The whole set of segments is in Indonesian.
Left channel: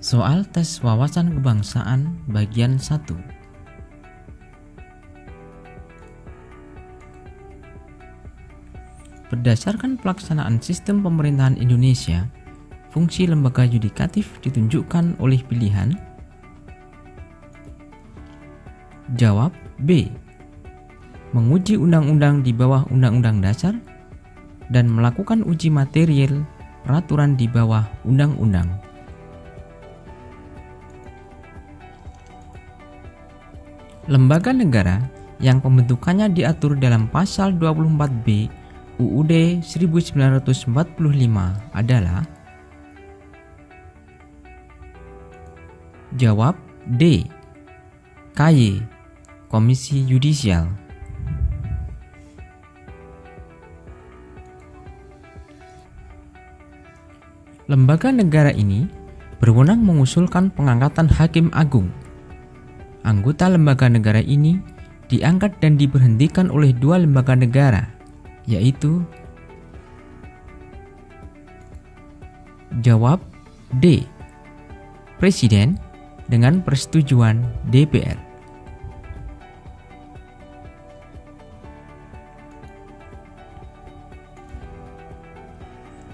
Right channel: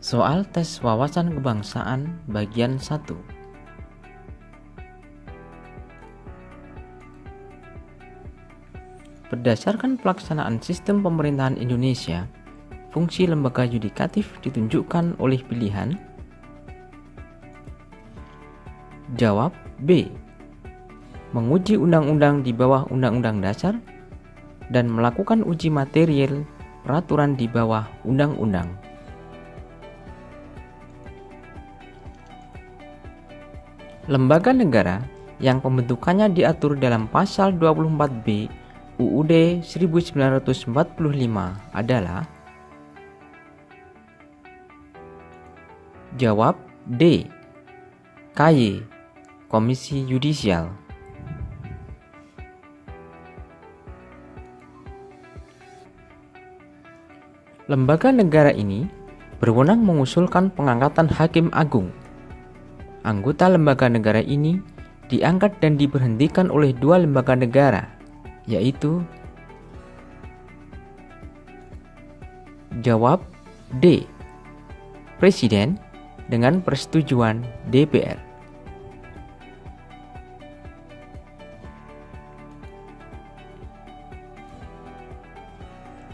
Soal tes wawasan kebangsaan bagian 1. Berdasarkan pelaksanaan sistem pemerintahan Indonesia, fungsi lembaga yudikatif ditunjukkan oleh pilihan. Jawab B. Menguji undang-undang di bawah Undang-Undang Dasar dan melakukan uji material peraturan di bawah undang-undang. Lembaga negara yang pembentukannya diatur dalam pasal 24B UUD 1945 adalah. Jawab D. KY, Komisi Yudisial. Lembaga negara ini berwenang mengusulkan pengangkatan Hakim Agung. Anggota lembaga negara ini diangkat dan diberhentikan oleh dua lembaga negara, yaitu. Jawab D. Presiden dengan persetujuan DPR.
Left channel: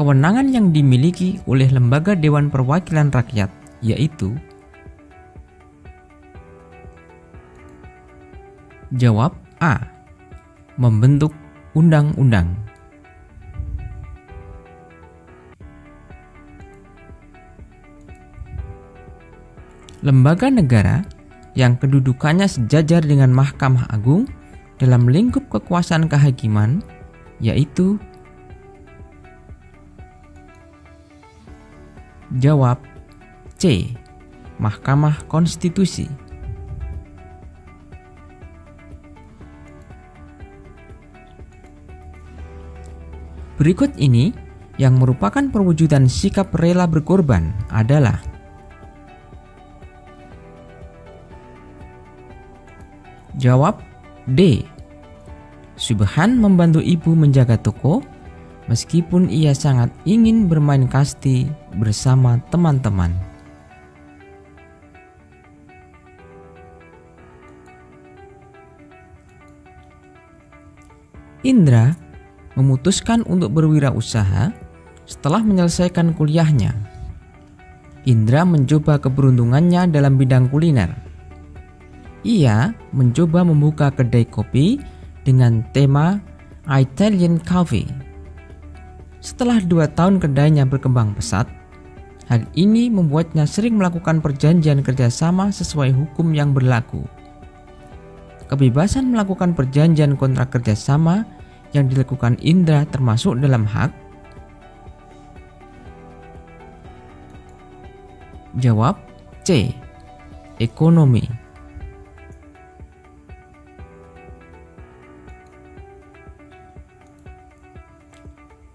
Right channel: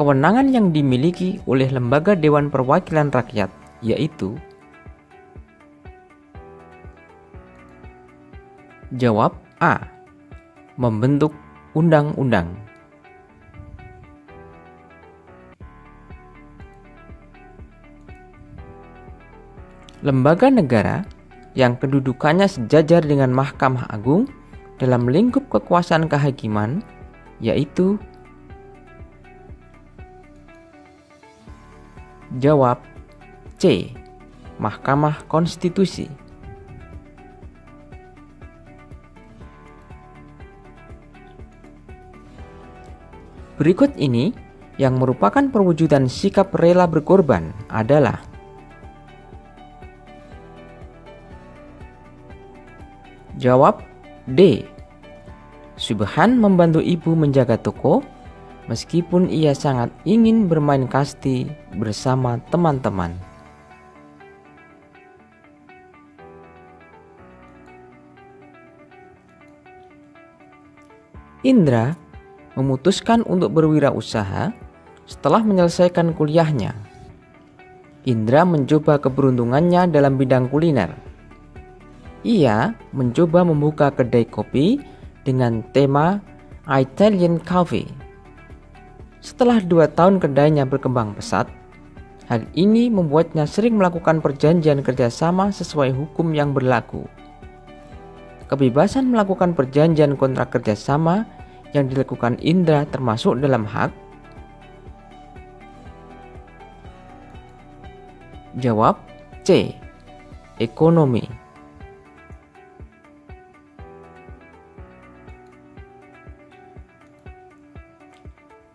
Kewenangan yang dimiliki oleh lembaga Dewan Perwakilan Rakyat, yaitu. Jawab A. Membentuk undang-undang. Lembaga negara yang kedudukannya sejajar dengan Mahkamah Agung dalam lingkup kekuasaan kehakiman, yaitu. Jawab C. Mahkamah Konstitusi. Berikut ini yang merupakan perwujudan sikap rela berkorban adalah. Jawab D. Subhan membantu ibu menjaga toko meskipun ia sangat ingin bermain kasti bersama teman-teman. Indra memutuskan untuk berwirausaha setelah menyelesaikan kuliahnya. Indra mencoba keberuntungannya dalam bidang kuliner. Ia mencoba membuka kedai kopi dengan tema Italian Cafe. Setelah 2 tahun kedainya berkembang pesat, hal ini membuatnya sering melakukan perjanjian kerjasama sesuai hukum yang berlaku. Kebebasan melakukan perjanjian kontrak kerjasama yang dilakukan Indra termasuk dalam hak. Jawab C. Ekonomi.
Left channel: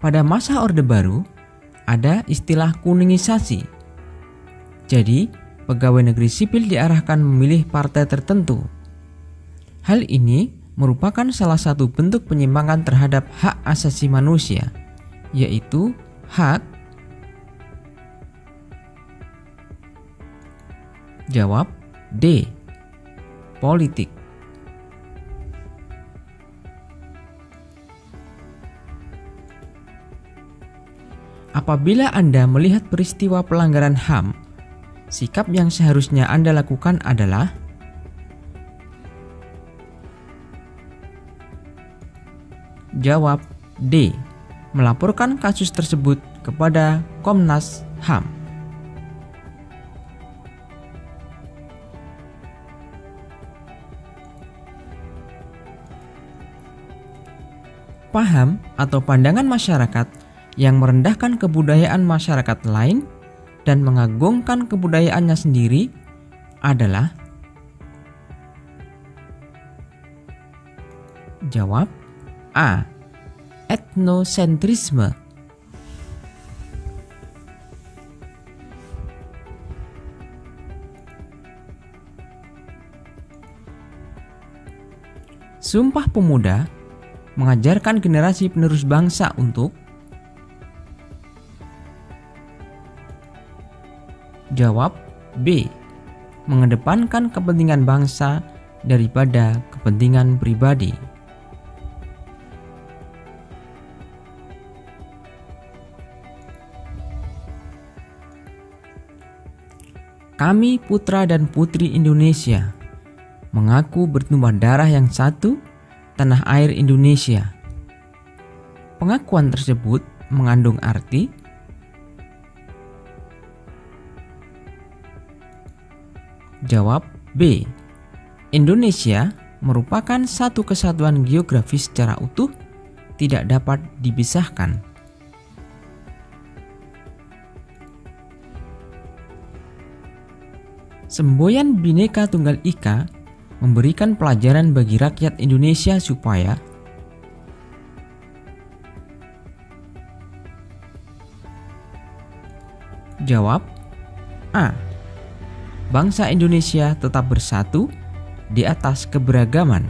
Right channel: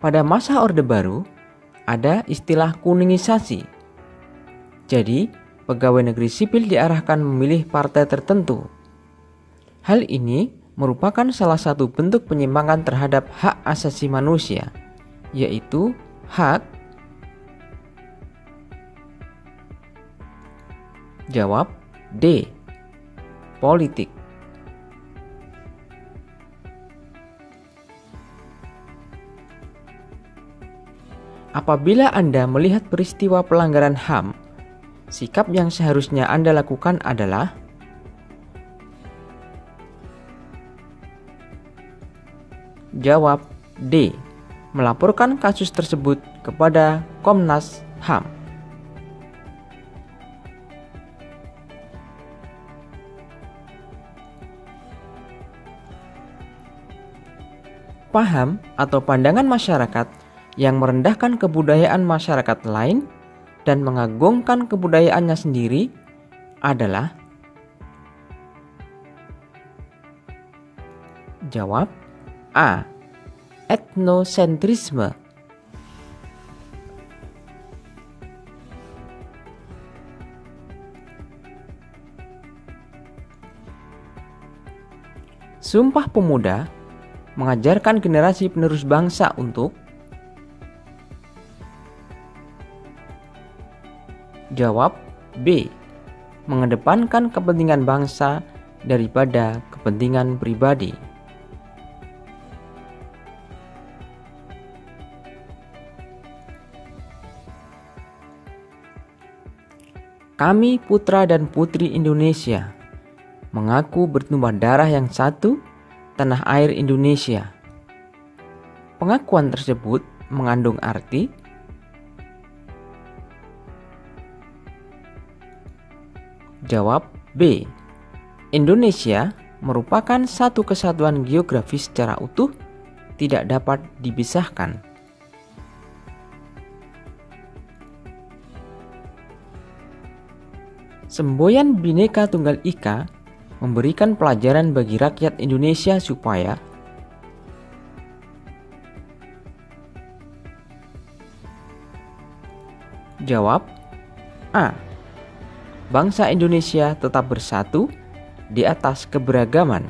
Pada masa Orde Baru, ada istilah kuningisasi. Jadi, pegawai negeri sipil diarahkan memilih partai tertentu. Hal ini merupakan salah satu bentuk penyimpangan terhadap hak asasi manusia, yaitu hak. Jawab D. Politik. Apabila Anda melihat peristiwa pelanggaran HAM, sikap yang seharusnya Anda lakukan adalah. Jawab D. Melaporkan kasus tersebut kepada Komnas HAM. Paham atau pandangan masyarakat yang merendahkan kebudayaan masyarakat lain dan mengagungkan kebudayaannya sendiri adalah. Jawab A. Etnosentrisme. Sumpah Pemuda mengajarkan generasi penerus bangsa untuk. Jawab B. Mengedepankan kepentingan bangsa daripada kepentingan pribadi. Kami putra dan putri Indonesia, mengaku bertumpah darah yang satu, tanah air Indonesia. Pengakuan tersebut mengandung arti Jawab B. Indonesia merupakan satu kesatuan geografis secara utuh, tidak dapat dipisahkan. Semboyan Bhinneka Tunggal Ika memberikan pelajaran bagi rakyat Indonesia supaya Jawab A. Bangsa Indonesia tetap bersatu di atas keberagaman.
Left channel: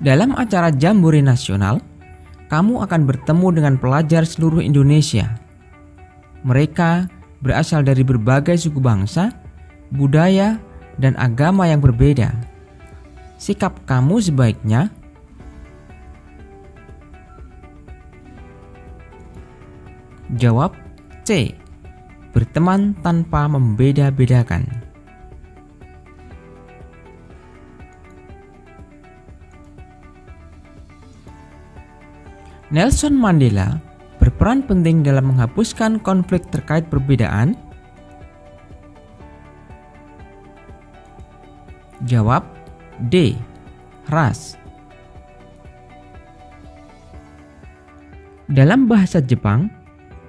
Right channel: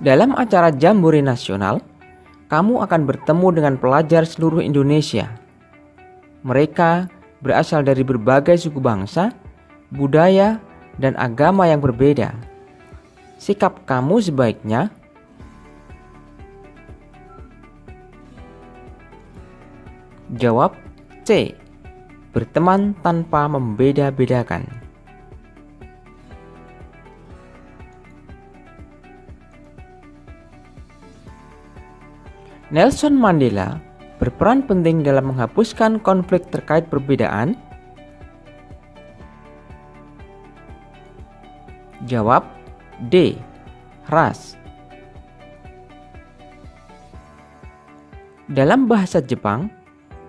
Dalam acara Jambore Nasional, kamu akan bertemu dengan pelajar seluruh Indonesia. Mereka berasal dari berbagai suku bangsa, budaya, dan agama yang berbeda. Sikap kamu sebaiknya Jawab C. Berteman tanpa membeda-bedakan. Nelson Mandela berperan penting dalam menghapuskan konflik terkait perbedaan. Jawab D. Ras. Dalam bahasa Jepang,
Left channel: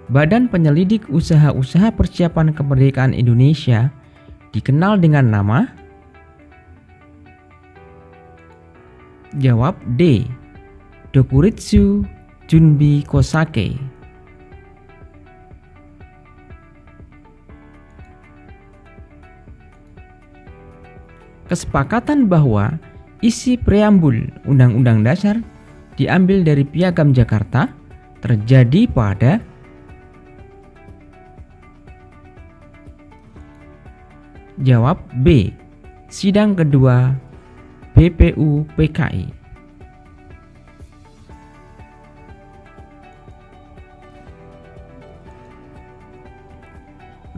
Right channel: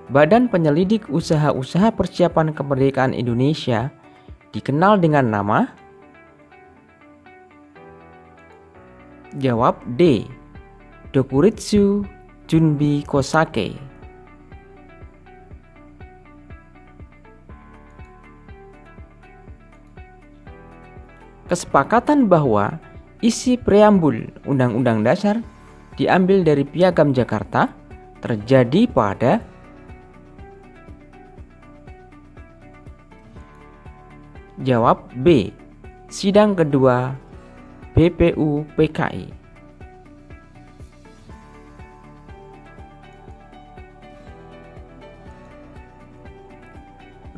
Badan Penyelidik Usaha-usaha Persiapan Kemerdekaan Indonesia dikenal dengan nama Jawab D. Dokuritsu Junbi Kosake. Kesepakatan bahwa isi preambul Undang-Undang Dasar diambil dari Piagam Jakarta terjadi pada Jawab B. Sidang kedua BPU PKI.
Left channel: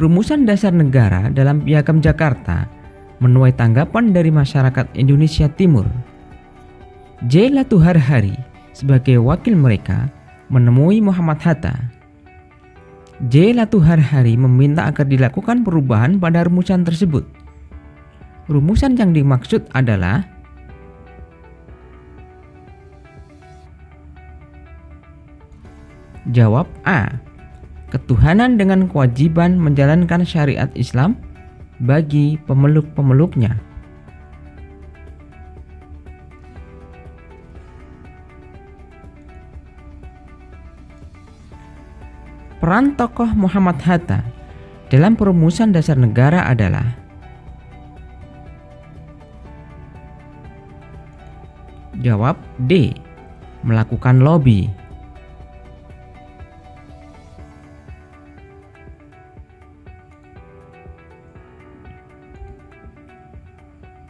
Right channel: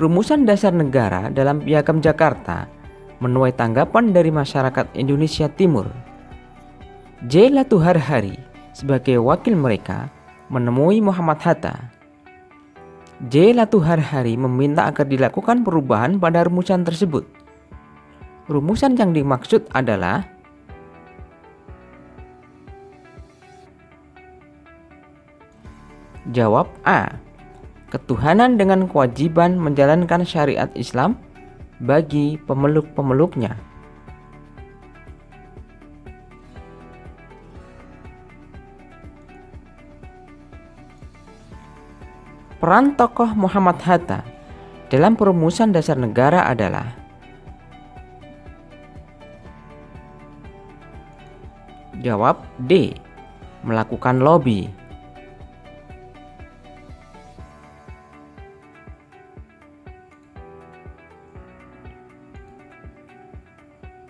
Rumusan dasar negara dalam Piagam Jakarta menuai tanggapan dari masyarakat Indonesia Timur. J. Latuharhari sebagai wakil mereka menemui Muhammad Hatta. J. Latuharhari meminta agar dilakukan perubahan pada rumusan tersebut. Rumusan yang dimaksud adalah Jawab A. Ketuhanan dengan kewajiban menjalankan syariat Islam bagi pemeluk-pemeluknya. Peran tokoh Muhammad Hatta dalam perumusan dasar negara adalah Jawab D. Melakukan lobby.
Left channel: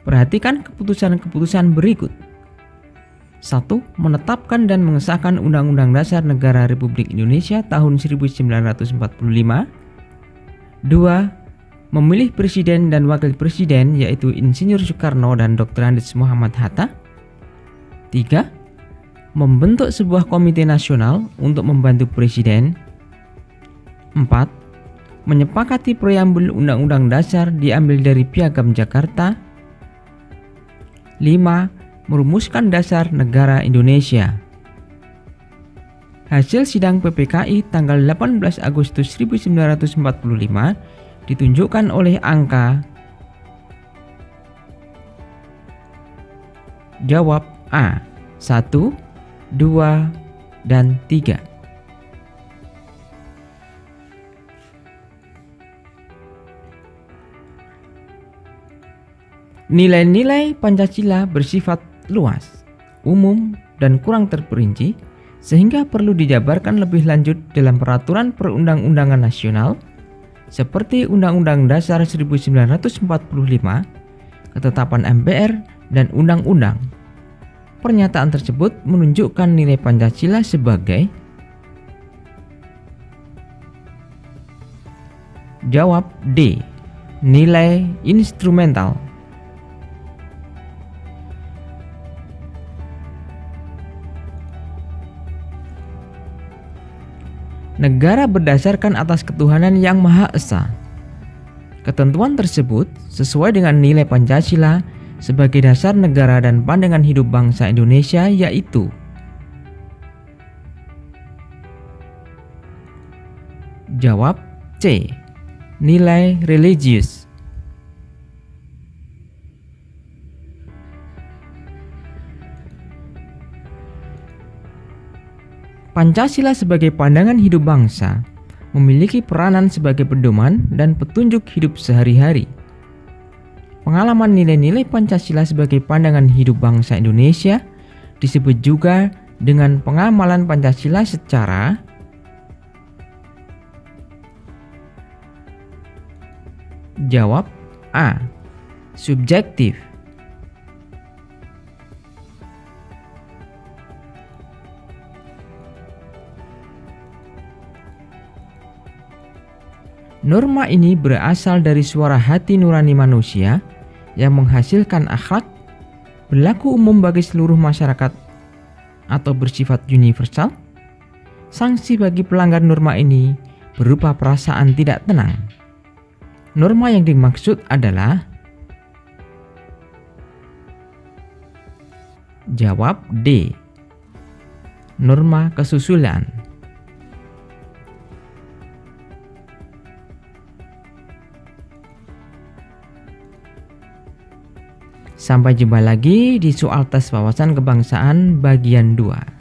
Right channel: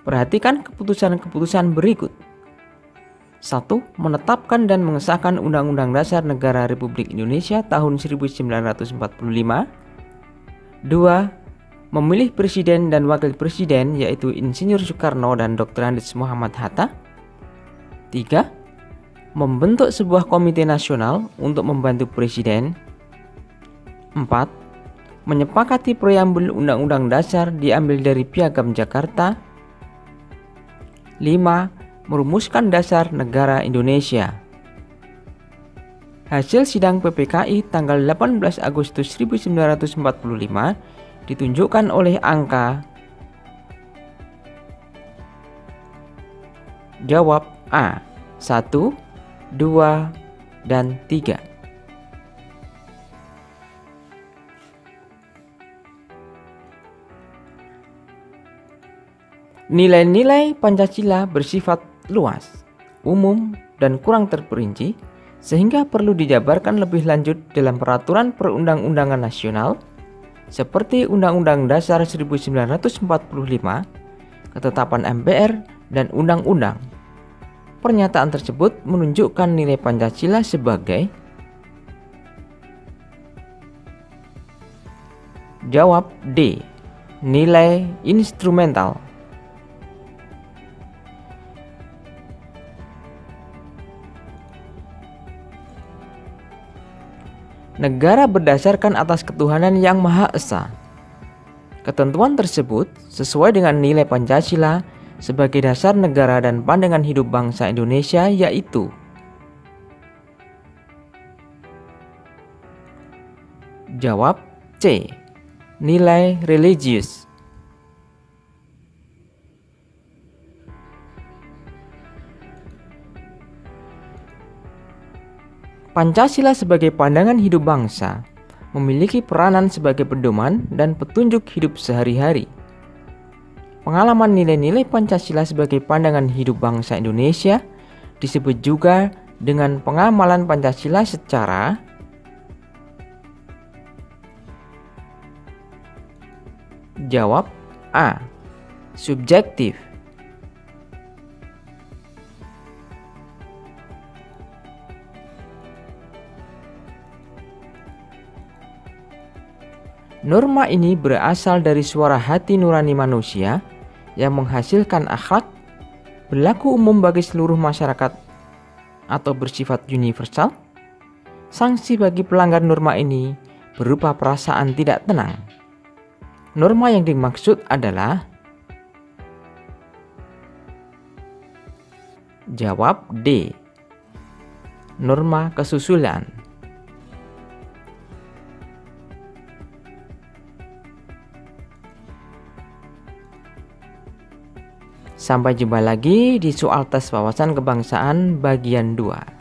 Perhatikan keputusan-keputusan berikut. 1. Menetapkan dan mengesahkan Undang-Undang Dasar Negara Republik Indonesia tahun 1945. 2. Memilih Presiden dan Wakil Presiden yaitu Insinyur Soekarno dan Dr. Andes Muhammad Hatta. 3. Membentuk sebuah komite nasional untuk membantu Presiden. 4. Menyepakati preambul Undang-Undang Dasar diambil dari Piagam Jakarta. 5. Merumuskan dasar negara Indonesia. Hasil sidang PPKI tanggal 18 Agustus 1945 ditunjukkan oleh angka Jawab A. 1, 2, dan 3. Nilai-nilai Pancasila bersifat luas, umum, dan kurang terperinci, sehingga perlu dijabarkan lebih lanjut dalam peraturan perundang-undangan nasional seperti Undang-Undang Dasar 1945, Ketetapan MPR, dan Undang-Undang. Pernyataan tersebut menunjukkan nilai Pancasila sebagai. Jawab D. Nilai instrumental. Negara berdasarkan atas ketuhanan yang Maha Esa. Ketentuan tersebut sesuai dengan nilai Pancasila sebagai dasar negara dan pandangan hidup bangsa Indonesia, yaitu jawab C. Nilai religius. Pancasila sebagai pandangan hidup bangsa memiliki peranan sebagai pedoman dan petunjuk hidup sehari-hari. Pengalaman nilai-nilai Pancasila sebagai pandangan hidup bangsa Indonesia disebut juga dengan pengamalan Pancasila secara jawab A. Subjektif. Norma ini berasal dari suara hati nurani manusia yang menghasilkan akhlak, berlaku umum bagi seluruh masyarakat atau bersifat universal. Sanksi bagi pelanggar norma ini berupa perasaan tidak tenang. Norma yang dimaksud adalah jawab D. Norma kesusulan. Sampai jumpa lagi di soal tes wawasan kebangsaan bagian 2.